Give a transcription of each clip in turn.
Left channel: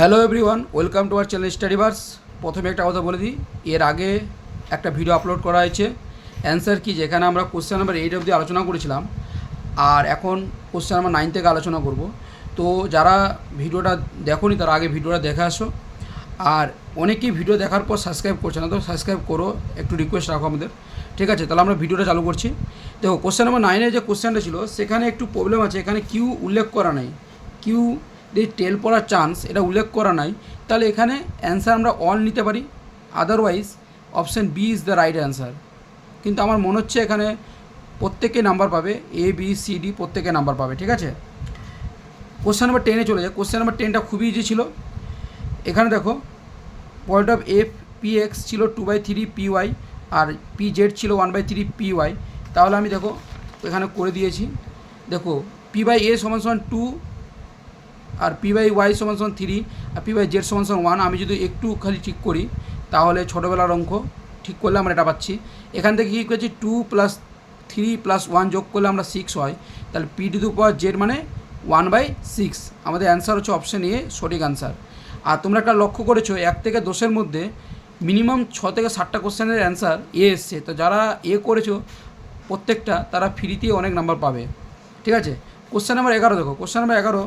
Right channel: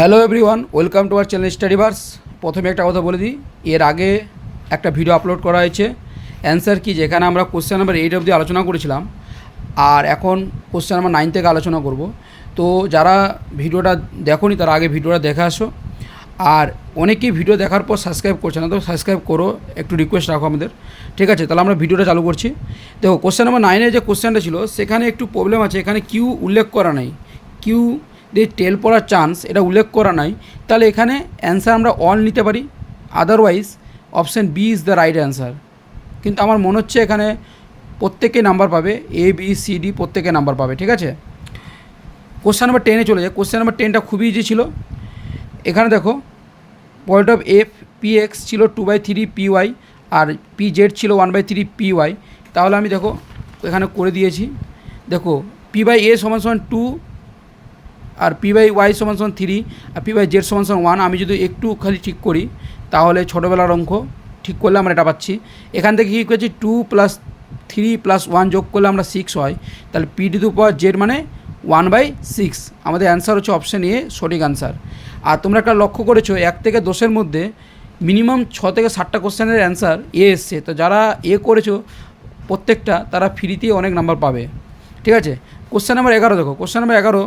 Hello everyone, welcome to our channel Studyverse. প্রথমে একটা কথা বলে দিই, এর আগে একটা ভিডিও আপলোড করা হয়েছে অ্যান্সার কি, যেখানে আমরা কোশ্চেন নাম্বার 8 অবধি আলোচনা করেছিলাম, আর এখন কোশ্চেন নাম্বার 9 থেকে আলোচনা করব। তো যারা ভিডিওটা দেখোনি তারা আগে ভিডিওটা দেখে আসো, আর অনেকেই ভিডিও দেখার পর সাবস্ক্রাইব করছে না, তো সাবস্ক্রাইব করো, একটু রিকোয়েস্ট রাখো আমাদের। ঠিক আছে, তাহলে আমরা ভিডিওটা চালু করছি। দেখো, কোশ্চেন নাম্বার 9-এর যে কোশ্চেনটা ছিল সেখানে একটু প্রবলেম আছে, এখানে কিউ উল্লেখ করা নাই, কিউ দিয়ে টেল পড়ার চান্স এটা উল্লেখ করা নাই। তাহলে এখানে অ্যান্সার আমরা অল নিতে পারি, otherwise option B is the right answer. কিন্তু আমার মনে হচ্ছে এখানে প্রত্যেকে নাম্বার পাবে, এ বি সি ডি প্রত্যেকে নাম্বার পাবে। ঠিক আছে, কোশ্চেন নাম্বার 10-এ চলে যায়। কোশ্চেন নাম্বার 10টা খুবই ইজি ছিল। এখানে দেখো, point of F P x ছিল 2/3 পি ওয়াই, আর পি জেড ছিল 1/3 পি ওয়াই। তাহলে আমি দেখো এখানে করে দিয়েছি। দেখো, পি বাই এ সমান সমান 2, আর পি বাই ওয়াই সমান সমান 3, আর পি বাই জেড সমান সমান 1। আমি যদি একটু খালি ঠিক করি তাহলে ছোটোবেলার অঙ্ক ঠিক করলে আমরা এটা পাচ্ছি। এখান থেকে কী করেছি, 2 + 3 + 1 যোগ করলে আমরা 6 হয়। তাহলে P to the power Z মানে 1/6। আমাদের অ্যান্সার হচ্ছে অপশান এ সঠিক অ্যান্সার। আর তোমরা একটা লক্ষ্য করেছো 1 থেকে 10-এর মধ্যে মিনিমাম 6 থেকে 7টা কোশ্চেনের অ্যান্সার এ এসছে। তো যারা এ করেছো প্রত্যেকটা, তারা ফ্রিতে অনেক নাম্বার পাবে। ঠিক আছে, কোশ্চেন নাম্বার 11 দেখো। কোশ্চেন নাম্বার 11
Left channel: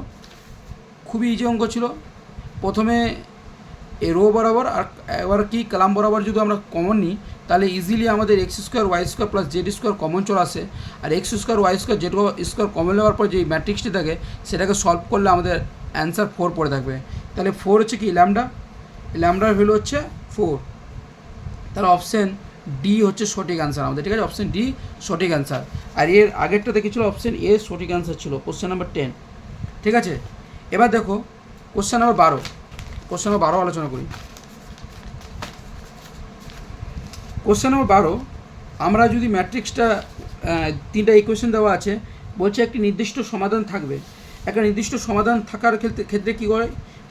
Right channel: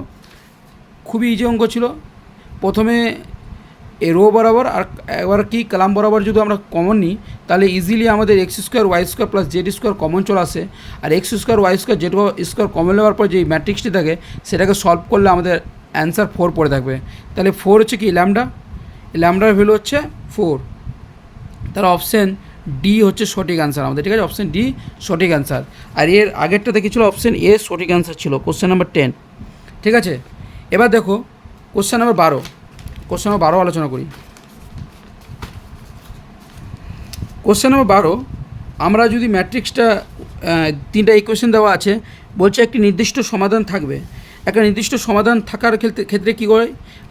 খুবই ইজি অঙ্ক ছিল। প্রথমে এ রো বরাবর আর এবার কি কলাম বরাবর যদি আমরা কমন নিই তাহলে ইজিলি আমাদের x² y² + z² কমন চলে আসে। আর x² y² z² কমন নেওয়ার পর যে ম্যাট্রিক্সটি থাকে সেটাকে সলভ করলে আমাদের অ্যান্সার 4 পড়ে থাকবে। তাহলে 4 হচ্ছে কি, ল্যামডা, ল্যামডার ভ্যালু হচ্ছে 4। তাহলে অপশান ডি হচ্ছে সঠিক অ্যান্সার আমাদের। ঠিক আছে, অপশান ডি সঠিক অ্যান্সার। আর এর আগেরটা দেখেছিল অপশান এ সঠিক অ্যান্সার ছিল, কোশ্চেন নাম্বার 10। ঠিক আছে, এবার দেখো কোশ্চেন নাম্বার 12। কোশ্চেন নাম্বার 12 আলোচনা করি। কোশ্চেন নাম্বার 12, আমরা যদি ম্যাট্রিক্সটা 3টা ইকুয়েশন দেওয়া আছে, বলছে একটি নির্দিষ্ট সমাধান থাকবে। একটা নির্দিষ্ট সমাধান থাকার ক্ষেত্রে কী করে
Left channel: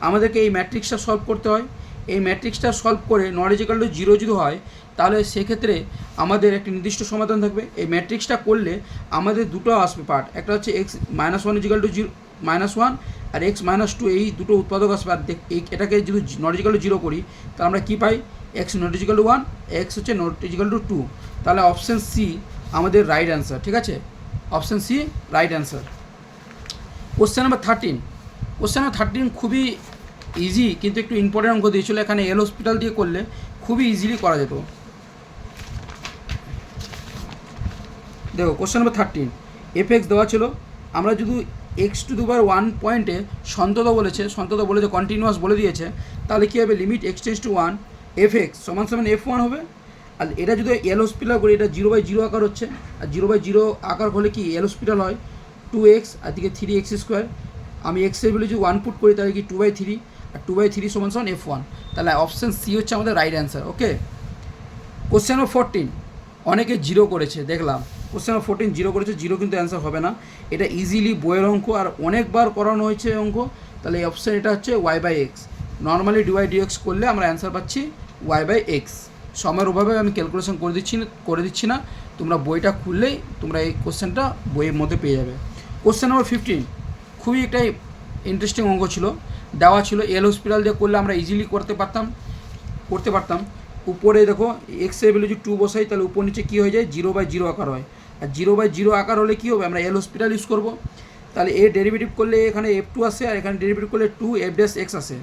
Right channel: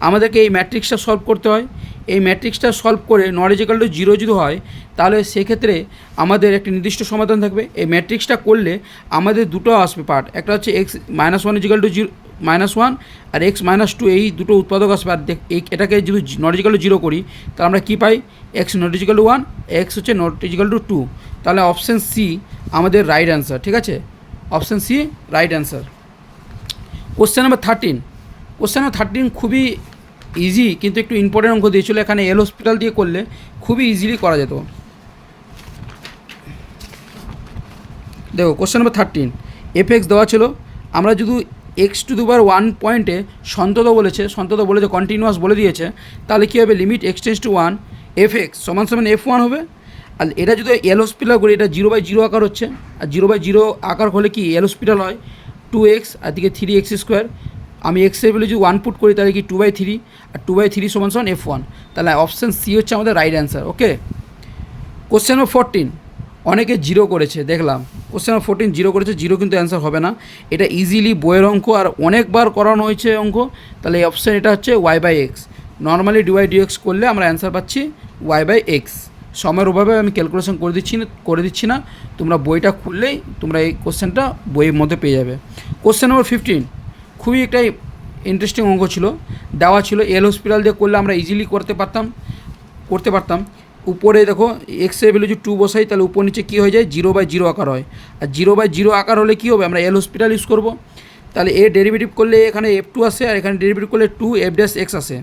আমাদেরকে এই ম্যাট্রিক্সটা সলভ করতে হয়। এই ম্যাট্রিক্সটা সলভ করে নট ইকুয়াল টু 0 যদি হয় তাহলে সেক্ষেত্রে আমাদের একটি নির্দিষ্ট সমাধান থাকবে। এই ম্যাট্রিক্সটা করলে আমাদের দুটো আসবে পার্ট, একটা হচ্ছে x - 1 = 1 আর x - 2, এই দুটো উৎপাদক আসবে। আর এটাকে যদি নট ইকুয়াল টু 0 করি তাহলে আমরা কী পাই, x not equal to 1, x হচ্ছে নট ইকুয়াল টু 2। তাহলে অপশান সি আমাদের রাইট অ্যান্সার। ঠিক আছে, option C right answer. Question number 13। Question number 13 খুবই ইজি, কিন্তু একটু ইম্পর্টেন্ট অঙ্ক দিয়েছিল। এখানে এল হসপিটাল দিয়ে করলে খুবই ইজিলি করা যেত। দেখো, কোশ্চেন নাম্বার 13 এফ(x) দেওয়া ছিল। আমরা যদি x⁴ পয়েন্টে সন্তত বলেছে কন্টিনিউয়াস বলে দিয়েছে, তাহলে কী হবে, limit x tends to 1 f(x) = f1 হবে। আর এটা যদি এল হসপিটাল করি, এটা 0/0 আকার হচ্ছে, আর 0/0 আকার হলে কি এল হসপিটাল হয় 2x, আর দিকে 3x²। আমি এক্সের ভ্যালু যদি 1 পুট করি তাহলে কি 2/3, আর 2/3 = f1। তাহলে অপশান সি হচ্ছে আমাদের রাইট অ্যান্সার। ওকে, কোশ্চেন নাম্বার 14 অনেকে 0 করেছে দেখলাম। কোশ্চেন নাম্বার 14 0 করেছে, 0 কিন্তু অ্যান্সার হবে না। এটা ইজিলি বইয়ের অঙ্ক, আর অনেকবার করানো হয়েছে অঙ্ক। তাহলে এই অপশান এটা হচ্ছে y/x। নর্মালি dy/dx করলে আমরা অ্যান্সার পাচ্ছি y/x। সময়ের অভাবে আমি ক্যালকুলেশন করে দিচ্ছি না, তোমরা বইটা খুললেই তোমরা এই কোশ্চেনটা বইয়ের মধ্যে পেয়ে যাবে। কোশ্চেন নাম্বার 15 খুবই একটা ইন্টারেস্টিং অঙ্ক ছিল, দেওয়া ছিল এল হসপিটাল দিয়ে করলে আমরা ইজিলি করতে পারতাম। উপরে দেখো এক্সের ভ্যালু যদি 2 বসাই তাহলে উপর নিচে কী হয়ে যায়, 0/0 আকার হয়। আর 0/0 আকার হলে কী হবে, আমরা এল হসপিটাল ইউজ করব। তাহলে এ ডেরিভেটিভ করলে এখানে f2 আসে, আর এখানে ডেরিভেটিভ করলে 2f'(x) আসে।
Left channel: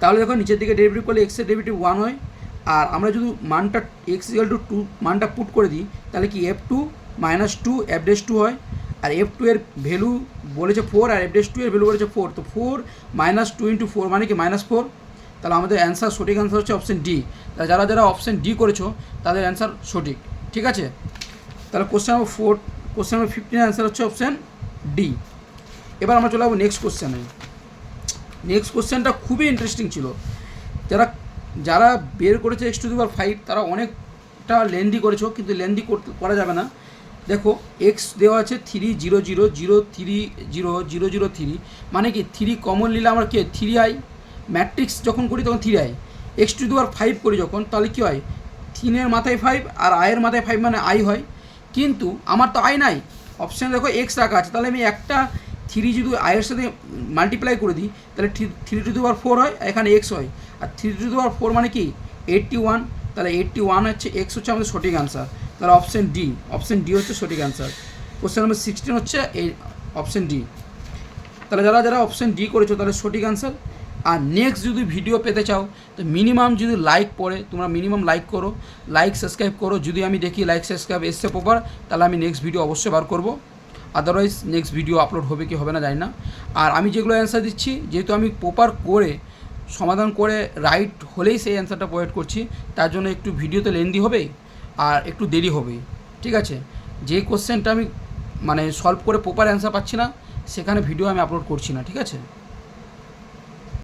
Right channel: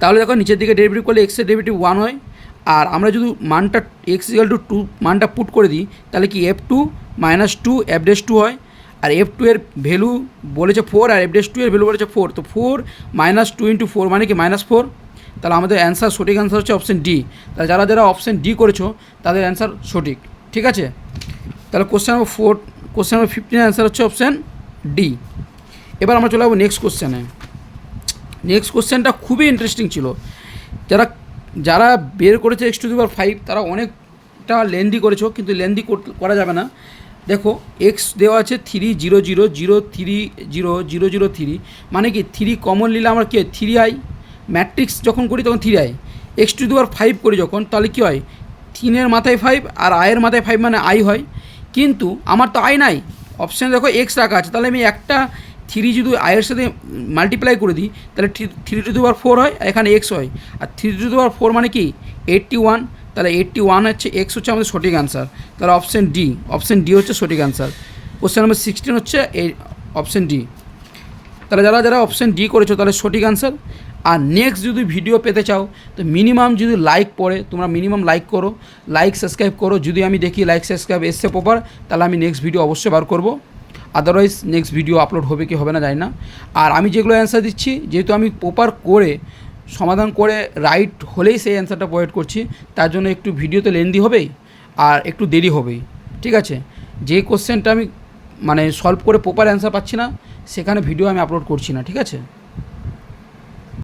তাহলে দেখো নিচের দিকে ডেরিভেটিভ করলে এক্সের ডেরিভেটিভ 1 হয়। আর আমরা যদি মানটা x = 2 মানটা পুট করে দিই তাহলে কি f2 - 2f'(2) হয়। আর f2 এর ভ্যালু বলেছে 4, আর f'(2) এর ভ্যালু বলেছে 4। তো 4 - 2 × 4 মানে কি -4। তাহলে আমাদের অ্যান্সার সঠিক অ্যান্সার হচ্ছে অপশান ডি। তাহলে যারা অপশান ডি করেছো তাদের অ্যান্সার সঠিক। ঠিক আছে, তাহলে কোশ্চেন নাম্বার 15 অ্যান্সার হচ্ছে অপশান ডি। এবার আমরা চলে যাবো নেক্সট কোশ্চেনে। নেক্সট কোশ্চেনটা খুবই ইন্টারেস্টিং ছিল। যারা বের করেছে x⁵ তারা অনেকটা লেন্দি করেছো, কিন্তু লেন্দি করা যাবে না। দেখো, এক্স দেওয়া আছে 3 0 0 0 3 0 0 0 3, মানে কি 3 কমন নিলে আমার কি 3i, ম্যাট্রিক্স যখন করি তখন 3i। x⁵ করি যখন তাহলে কী হয়, 3-এর মাথায় 5 আর i-এর মাথায় 5 মানে i হয়। কিন্তু আমার তো i নাই, অপশানে দেখো এক্স রাখা আছে, তাহলে আমি একটা থ্রি যদি আয়ের সাথে মাল্টিপ্লাই করে দিই তাহলে three to the power four হয়, এখানে এক্স হয়। আর three to the power four মানে কি 81, তাহলে 81 হচ্ছে এক্স হচ্ছে আমাদের সঠিক অ্যান্সার। তাহলে অপশন ডি হচ্ছে সঠিক অ্যান্সার। কোশ্চেন নাম্বার 16 হচ্ছে এই অপশন ডি। তাহলে যারা অপশন ডি করেছো তাহলে সঠিক অ্যান্সার। আর নেক্সট যদি ভিডিও পেতে চাও তো মিনিমাম যদি লাইক পড়ে, তোমরা মিনিমাম লাইক করো, লাইক সাবস্ক্রাইব করো। যদি আমি দেখি লাইক সাবস্ক্রাইব এসছে প্রপার, তাহলে আমি নেক্সট ভিডিও অবশ্যই বার করবো। আদারওয়াইজ নেক্সট ভিডিও আপলোড হবে কি হবে না জানি না। আর আমি যেগুলো অ্যান্সার দিচ্ছি, যেহেতু আমি প্রপার করে সমাধান করে রাইট হলেই সেই অ্যান্সারটা প্রোভাইড করছি, তার জন্য একটু ভিডিওতে লেন্দি হবেই আর একটু দেরি হবেই, ঠিক আছে। যে কোশ্চেনটা আমি মানে সলভ করে প্রপার অ্যান্সার পাচ্ছি না, সেখানে ভিডিও আমি আপলোড করছি না, ঠিক আছে।